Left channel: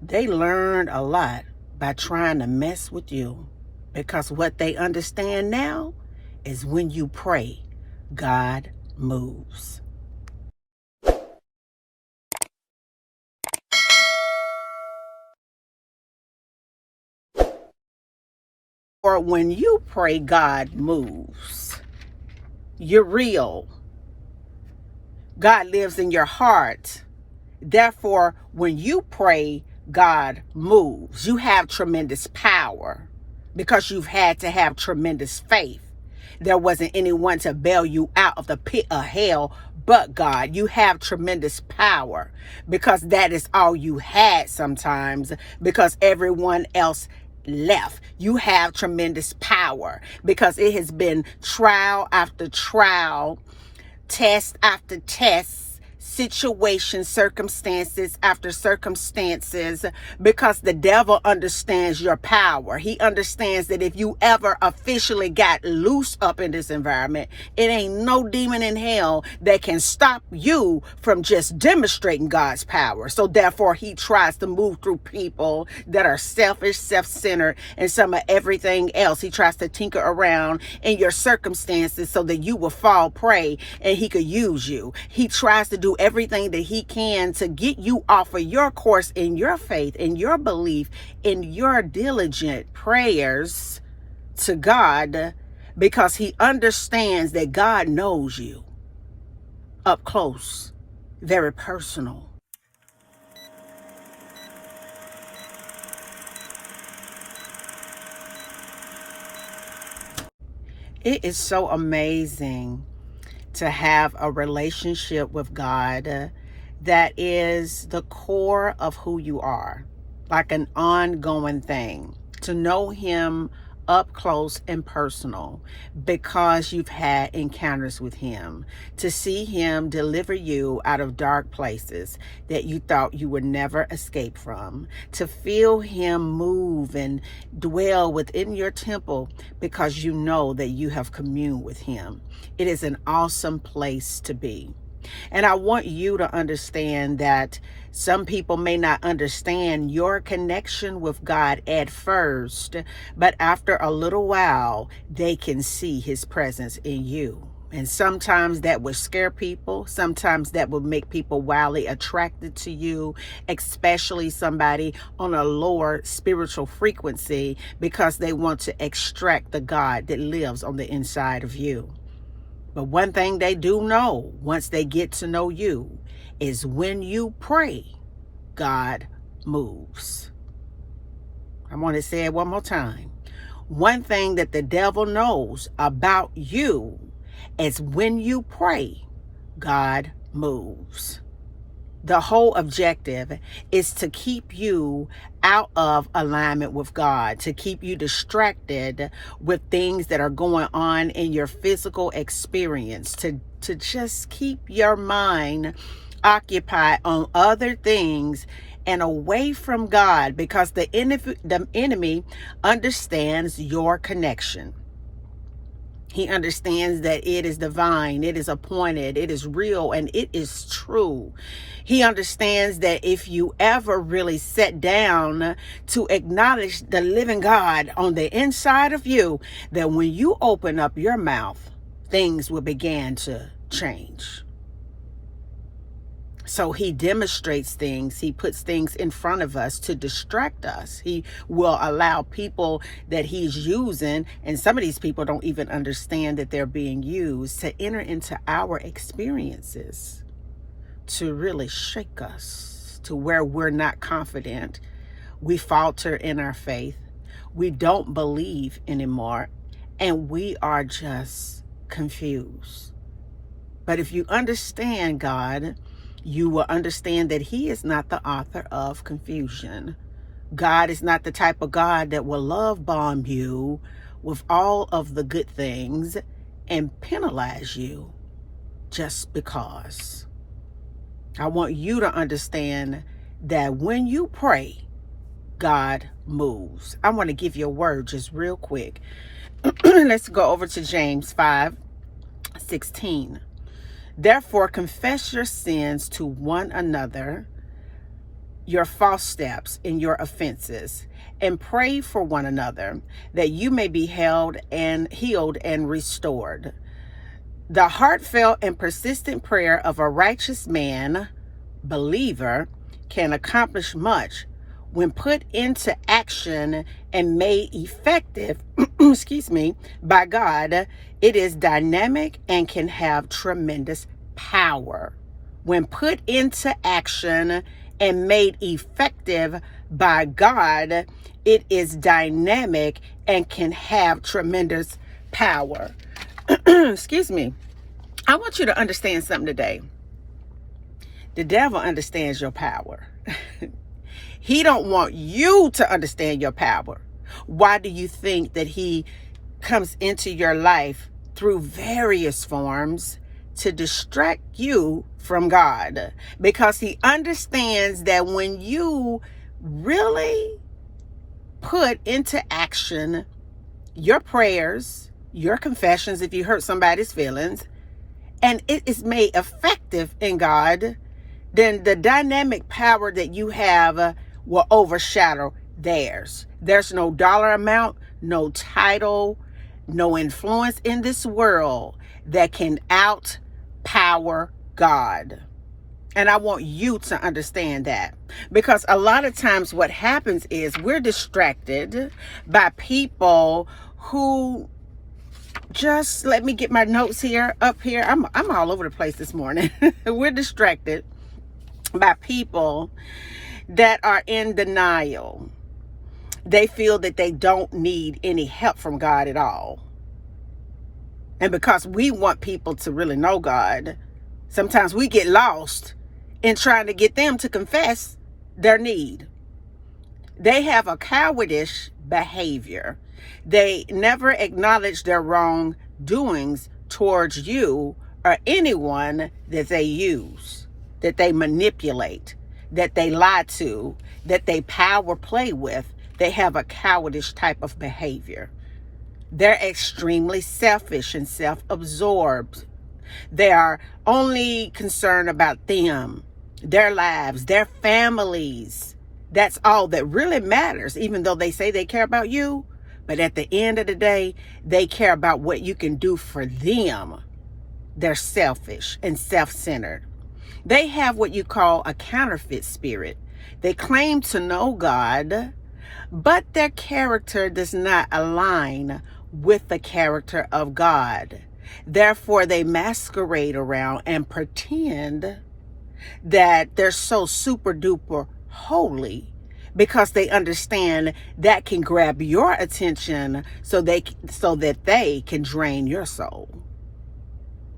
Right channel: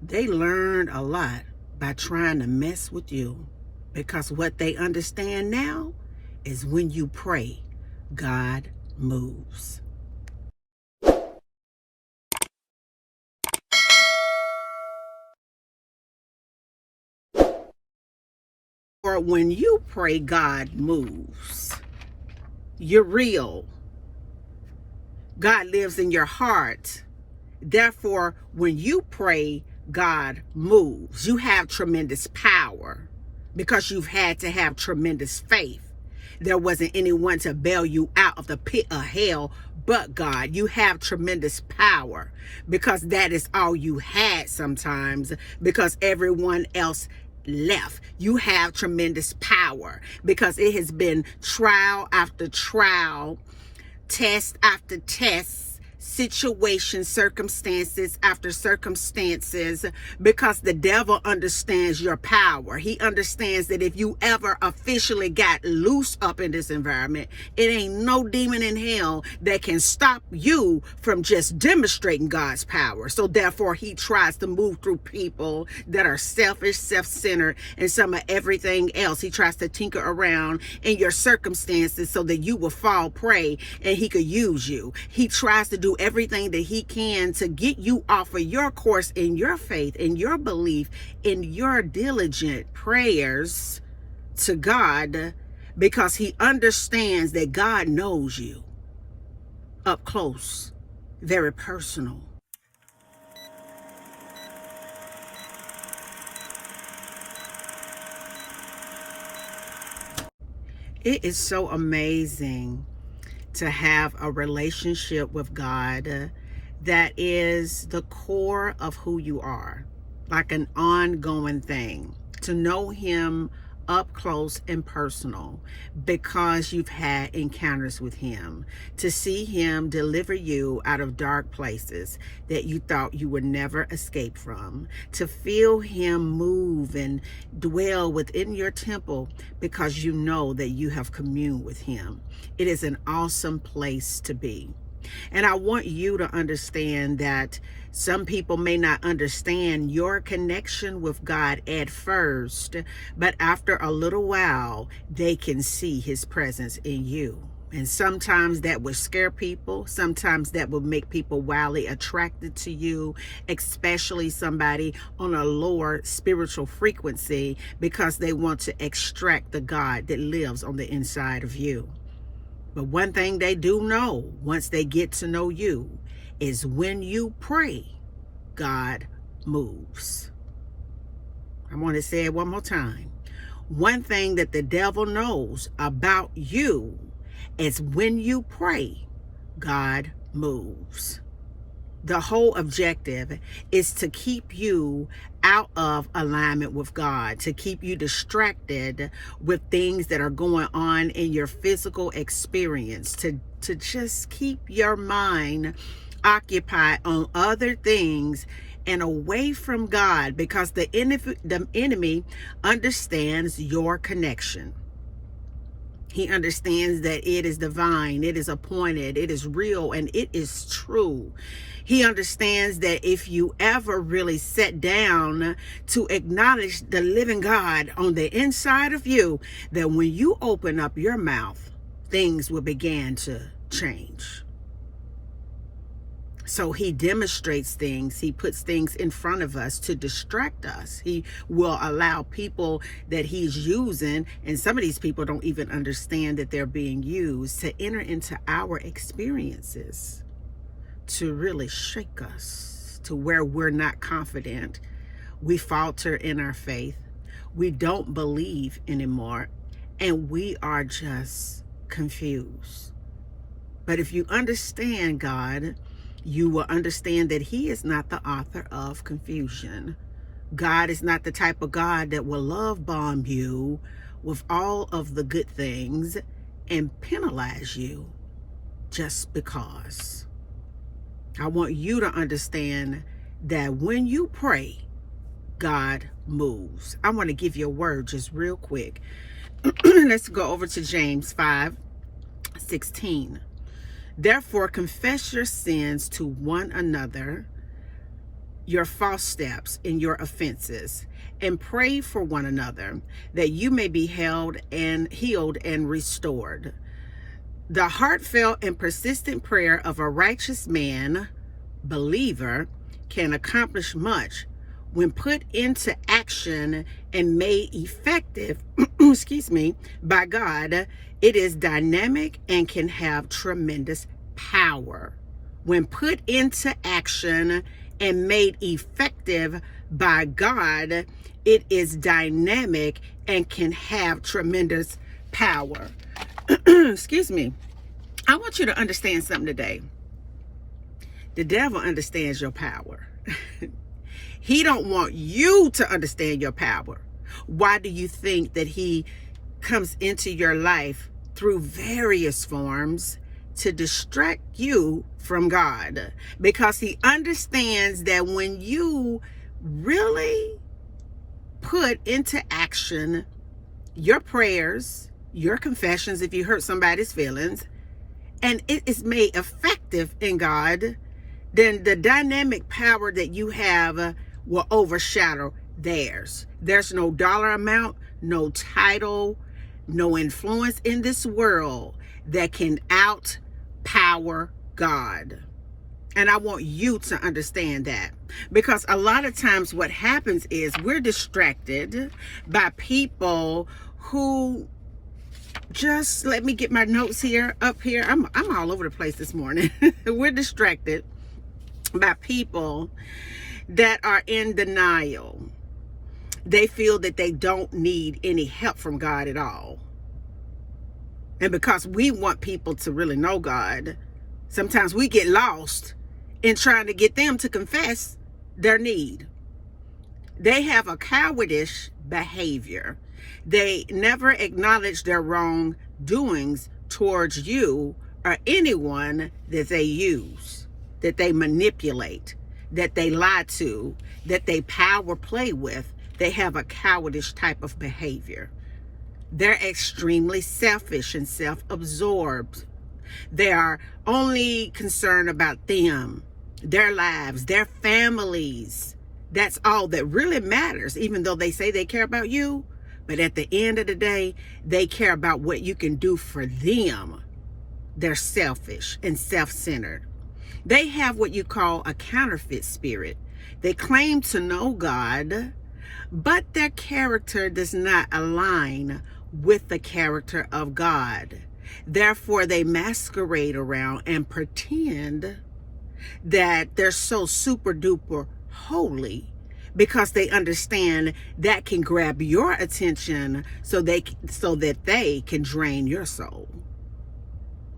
They learned a lot by trying to mess with you, because what they understand now is when you pray, God moves. Or when you pray, God moves. You're real. God lives in your heart. Therefore, when you pray, God moves. You have tremendous power because you've had to have tremendous faith. There wasn't anyone to bail you out of the pit of hell but God. You have tremendous power because that is all you had sometimes, because everyone else left. You have tremendous power because it has been trial after trial, test after test, situation, circumstances after circumstances, because the devil understands your power. He understands that if you ever officially got loose up in this environment, it ain't no demon in hell that can stop you from just demonstrating God's power. So therefore, he tries to move through people that are selfish, self-centered, and some of everything else. He tries to tinker around in your circumstances so that you will fall prey and he could use you. He tries to do everything that he can to get you off of your course in your faith, in your belief, in your diligent prayers to God, because he understands that God knows you up close, very personal. It is so amazing to have a relationship with God that is the core of who you are, like an ongoing thing, to know him up close and personal because you've had encounters with him, to see him deliver you out of dark places that you thought you would never escape from, to feel him move and dwell within your temple because you know that you have communed with him. It is an awesome place to be. And I want you to understand that some people may not understand your connection with God at first, but after a little while, they can see his presence in you. And sometimes that would scare people. Sometimes that would make people wildly attracted to you, especially somebody on a lower spiritual frequency, because they want to extract the God that lives on the inside of you. But one thing they do know, once they get to know you, is when you pray, God moves. I want to say it one more time. One thing that the devil knows about you is when you pray, God moves. The whole objective is to keep you out of alignment with God, to keep you distracted with things that are going on in your physical experience, to just keep your mind occupied on other things and away from God, because the enemy understands your connection. He understands that it is divine, it is appointed, it is real, and it is true. He understands that if you ever really sit down to acknowledge the living God on the inside of you, that when you open up your mouth, things will begin to change. So he demonstrates things. He puts things in front of us to distract us. He will allow people that he's using, and some of these people don't even understand that they're being used, to enter into our experiences, to really shake us to where we're not confident. We falter in our faith. We don't believe anymore, and we are just confused. But if you understand God, you will understand that he is not the author of confusion. God is not the type of God that will love bomb you with all of the good things and penalize you just because. I want you to understand that when you pray, God moves. I want to give you a word just real quick. Let's go over to James 5:16. Therefore, confess your sins to one another your false steps and your offenses, and pray for one another that you may be healed and restored. The heartfelt and persistent prayer of a righteous man, believer, can accomplish much when put into action and made effective, by God. It is dynamic and can have tremendous power. When put into action and made effective by God, it is dynamic and can have tremendous power. Excuse me. I want you to understand something today. The devil understands your power. He don't want you to understand your power. Why do you think that he comes into your life through various forms to distract you from God? Because he understands that when you really put into action your prayers, your confessions, if you hurt somebody's feelings, and it is made effective in God, then the dynamic power that you have will overshadow theirs. There's no dollar amount, no title, no influence in this world that can outpower God. And I want you to understand that, because a lot of times what happens is we're distracted by people who just, let me get my notes up here. I'm all over the place this morning. We're distracted by people that are in denial. They feel that they don't need any help from God at all. And because we want people to really know God, sometimes we get lost in trying to get them to confess their need. They have a cowardice behavior. They never acknowledge their wrongdoings towards you or anyone that they use, that they manipulate, that they lie to, that they power play with. They have a cowardice type of behavior. They're extremely selfish and self-absorbed. They are only concerned about them, their lives, their families. That's all that really matters, even though they say they care about you. But at the end of the day, they care about what you can do for them. They're selfish and self-centered. They have what you call a counterfeit spirit. They claim to know God, but their character does not align with the character of God. Therefore, they masquerade around and pretend that they're so super duper holy, because they understand that can grab your attention so that they can drain your soul.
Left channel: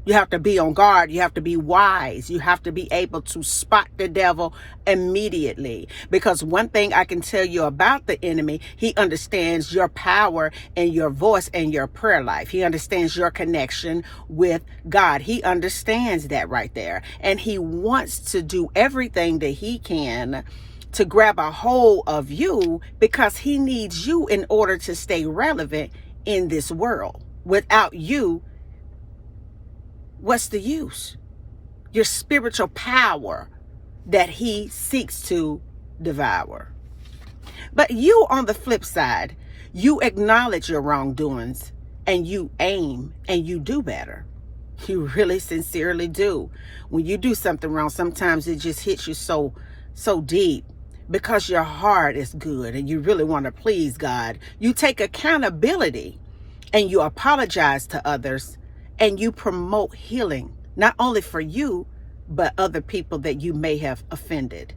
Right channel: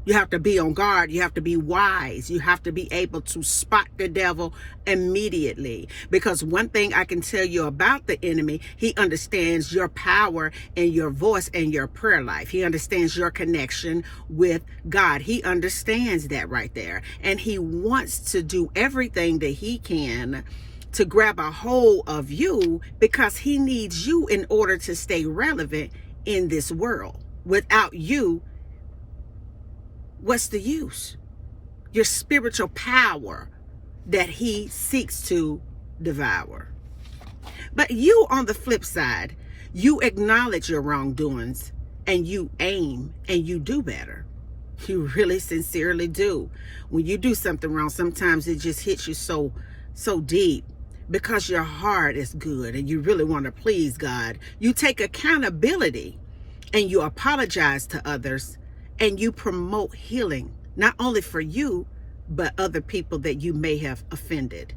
You have to be on guard. You have to be wise. You have to be able to spot the devil immediately. Because one thing I can tell you about the enemy, he understands your power and your voice and your prayer life. He understands your connection with God. He understands that right there. And he wants to do everything that he can to grab a hold of you, because he needs you in order to stay relevant in this world. Without you, what's the use? Your spiritual power that he seeks to devour. But you, on the flip side, you acknowledge your wrongdoings and you aim and you do better. You really sincerely do. When you do something wrong, sometimes it just hits you so deep, because your heart is good and you really want to please God. You take accountability and you apologize to others, and you promote healing, not only for you, but other people that you may have offended.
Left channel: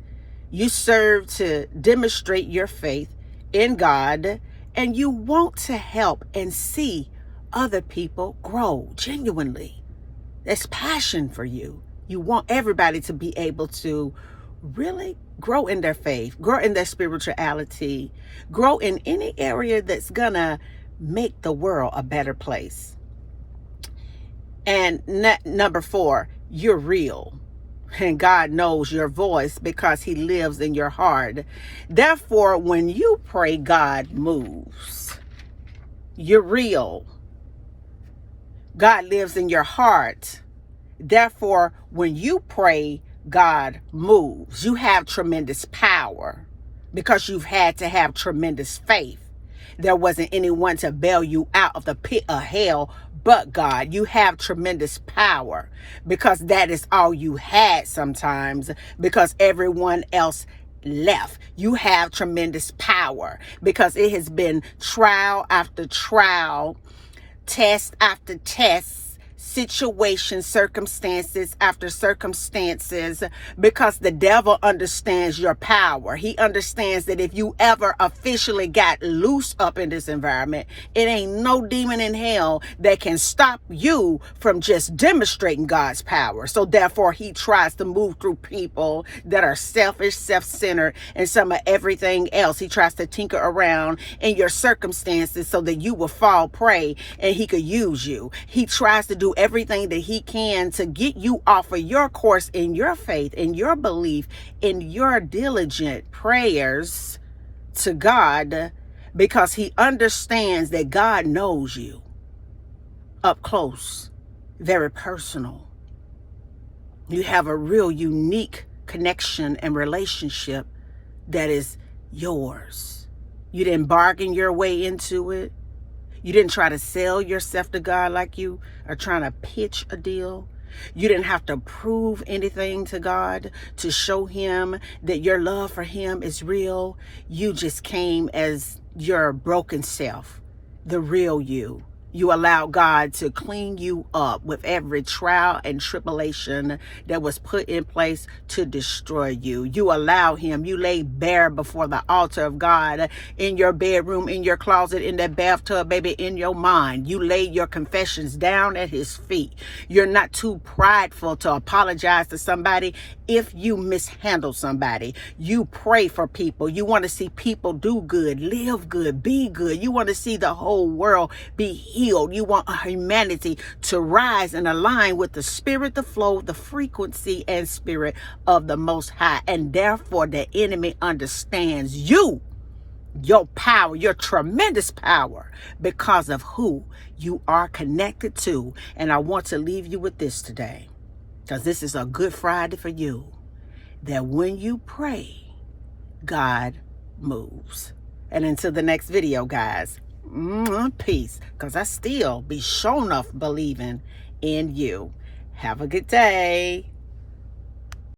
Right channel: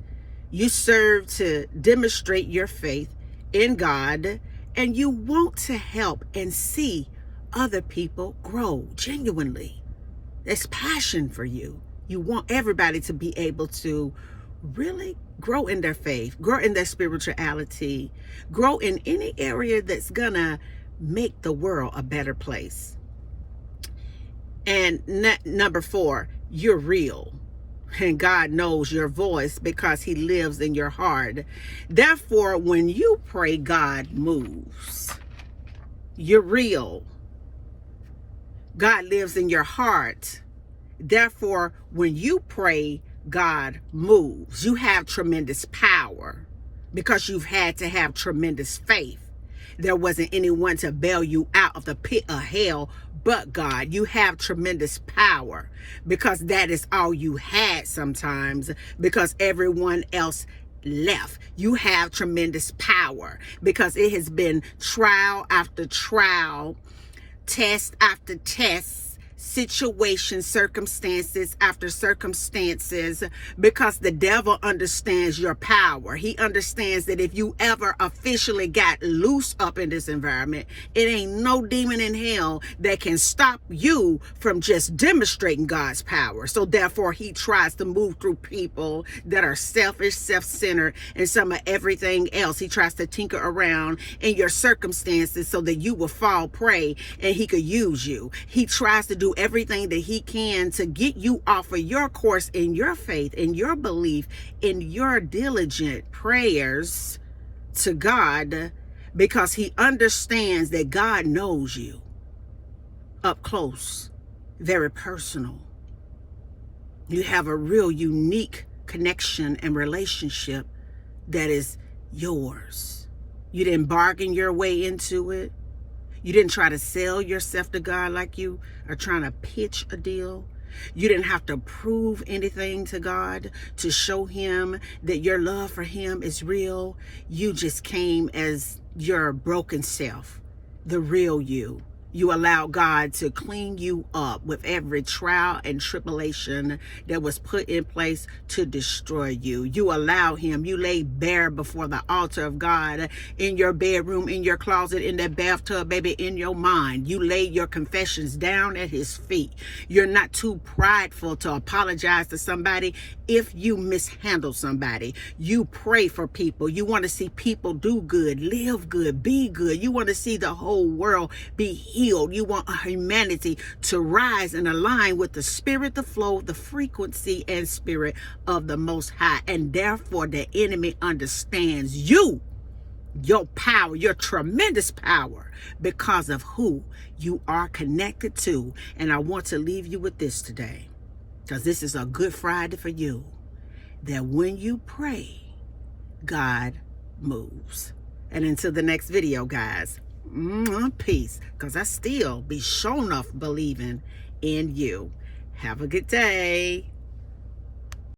You serve to demonstrate your faith in God, and you want to help and see other people grow genuinely. There's passion for you. You want everybody to be able to really grow in their faith, grow in their spirituality, grow in any area that's gonna make the world a better place. And number 4, you're real. And God knows your voice because he lives in your heart. Therefore, when you pray, God moves. You're real. God lives in your heart. Therefore, when you pray, God moves. You have tremendous power because you've had to have tremendous faith. There wasn't anyone to bail you out of the pit of hell but God. You have tremendous power because that is all you had sometimes, because everyone else left. You have tremendous power because it has been trial after trial, test after test, situations, circumstances after circumstances, because the devil understands your power. He understands that if you ever officially got loose up in this environment, it ain't no demon in hell that can stop you from just demonstrating God's power. So therefore, he tries to move through people that are selfish, self-centered, and some of everything else. He tries to tinker around in your circumstances so that you will fall prey and he could use you. He tries to do everything that he can to get you off of your course in your faith, in your belief, in your diligent prayers to God, because he understands that God knows you up close, very personal. You have a real unique connection and relationship that is yours. You didn't bargain your way into it. You didn't try to sell yourself to God like you are trying to pitch a deal. You didn't have to prove anything to God to show him that your love for him is real. You just came as your broken self, the real you. You allowed God to clean you up with every trial and tribulation that was put in place to destroy you. You allowed him. You lay bare before the altar of God, in your bedroom, in your closet, in that bathtub, baby, in your mind. You laid your confessions down at his feet. You're not too prideful to apologize to somebody if you mishandle somebody. You pray for people. You want to see people do good, live good, be good. You want to see the whole world be healed. You want humanity to rise and align with the spirit, the flow, the frequency and spirit of the Most High. And therefore the enemy understands you, your power, your tremendous power, because of who you are connected to. And I want to leave you with this today, because this is a Good Friday for you, that when you pray, God moves. And until the next video, guys, peace, because I still be shown off believing in you. Have a good day.